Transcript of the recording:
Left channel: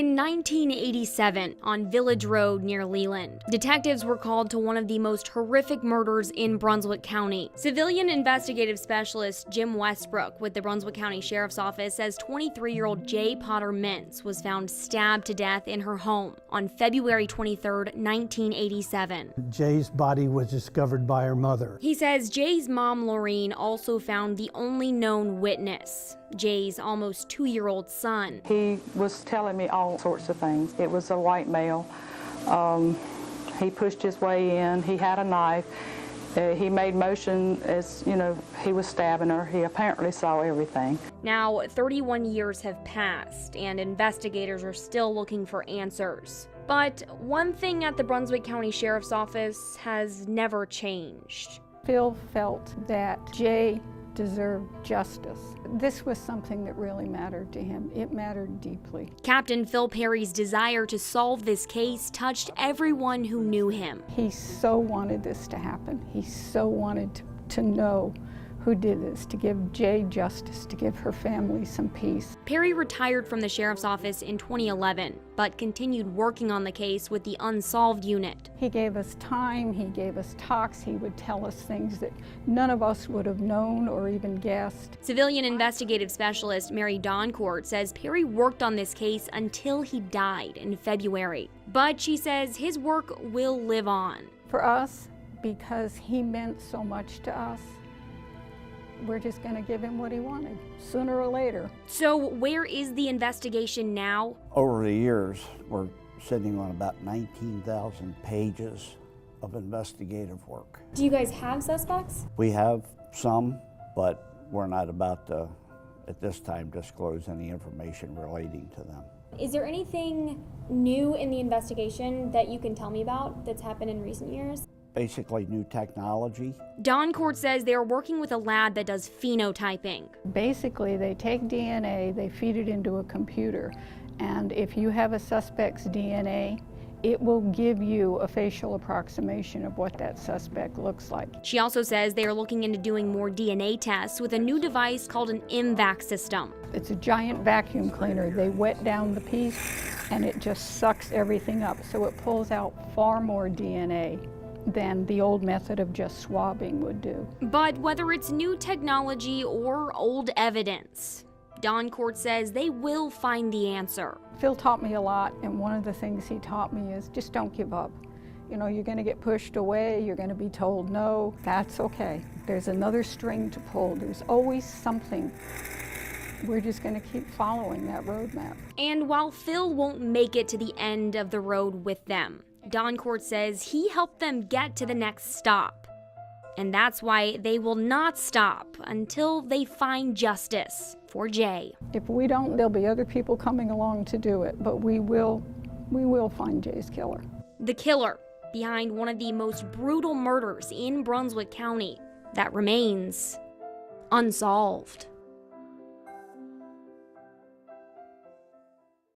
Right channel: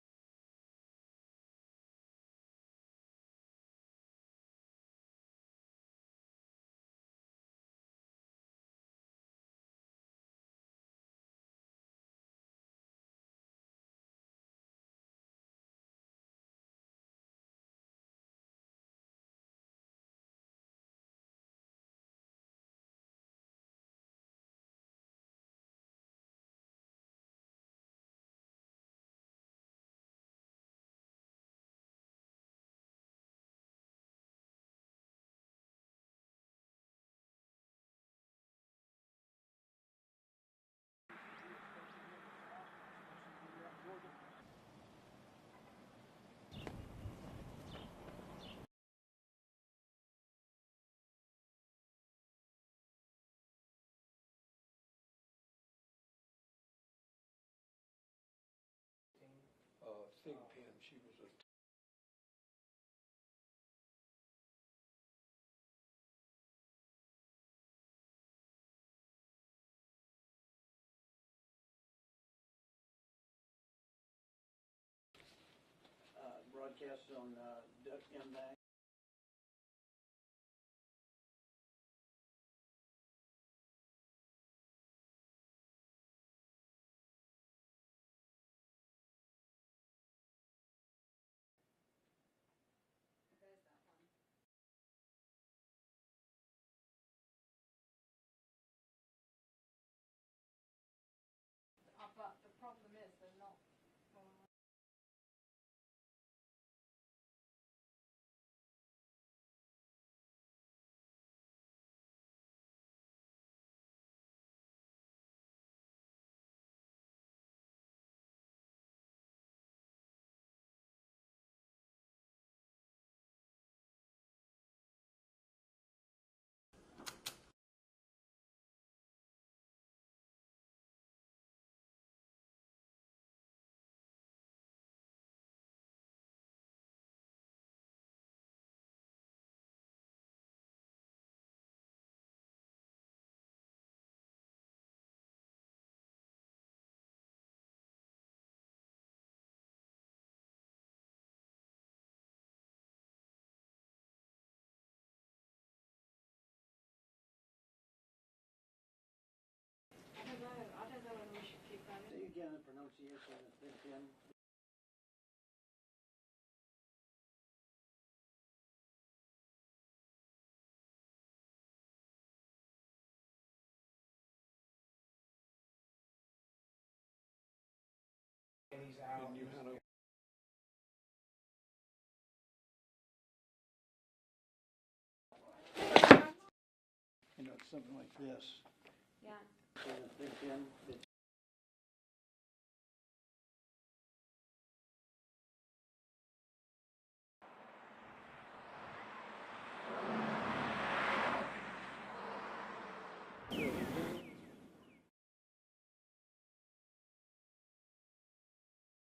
In 1987, on Village Road near Leland, detectives were called to one of the most horrific murders in Brunswick County. Civilian investigative specialist Jim Westbrook with the Brunswick County Sheriff's Office says 23-year-old Jaye-Potter-Mintz was found stabbed to death in her home on February 23, 1987. Jay's body was discovered by her mother. He says Jay's mom, Laureen, also found the only known witness, Jay's almost 2-year-old son. He was telling me all sorts of things. It was a white male. He pushed his way in. He had a knife. He made motion as, he was stabbing her. He apparently saw everything. Now, 31 years have passed, and investigators are still looking for answers. But one thing at the Brunswick County Sheriff's Office has never changed. Phil felt that Jay deserved justice. This was something that really mattered to him. It mattered deeply. Captain Phil Perry's desire to solve this case touched everyone who knew him. He so wanted this to happen. He so wanted to know who did this, to give Jay justice, to give her family some peace. Perry retired from the sheriff's office in 2011, but continued working on the case with the UNSOLVED unit. He gave us time, he gave us talks, he would tell us things that none of us would have known or even guessed. Civilian investigative specialist Mary Doncourt says Perry worked on this case until he died in February. But she says his work will live on. For us, because he meant so much to us, we're just going to give him what he wanted, sooner or later. So where is the investigation now? Over the years, we're sitting on about 19,000 pages of investigative work. Do you guys have suspects? We have some, but we're not about to, at this time, disclose any information relating to them. Is there anything new in the investigation that you can tell me about that's happened in recent years? Basically new technology. Doncourt says they are working with a lab that does phenotyping. Basically, they take DNA, they feed it into a computer, and if you have a suspect's DNA, it will give you a facial approximation of what that suspect looks like. She also says they are looking into doing more DNA tests with a new device called an MVAC system. It's a giant vacuum cleaner. They wet down the piece and it just sucks everything up, so it pulls out far more DNA than the old method of just swabbing would do. But whether it's new technology or old evidence, Doncourt says they will find the answer. Phil taught me a lot, and one of the things he taught me is just don't give up. You're going to get pushed away, you're going to be told no, that's okay. There's another string to pull, there's always something. We're just going to keep following that roadmap. And while Phil won't make it to the end of the road with them, Doncourt says he helped them get to the next stop. And that's why they will not stop until they find justice for Jay. If we don't, there'll be other people coming along to do it, but we will find Jay's killer. The killer behind one of the most brutal murders in Brunswick County that remains unsolved.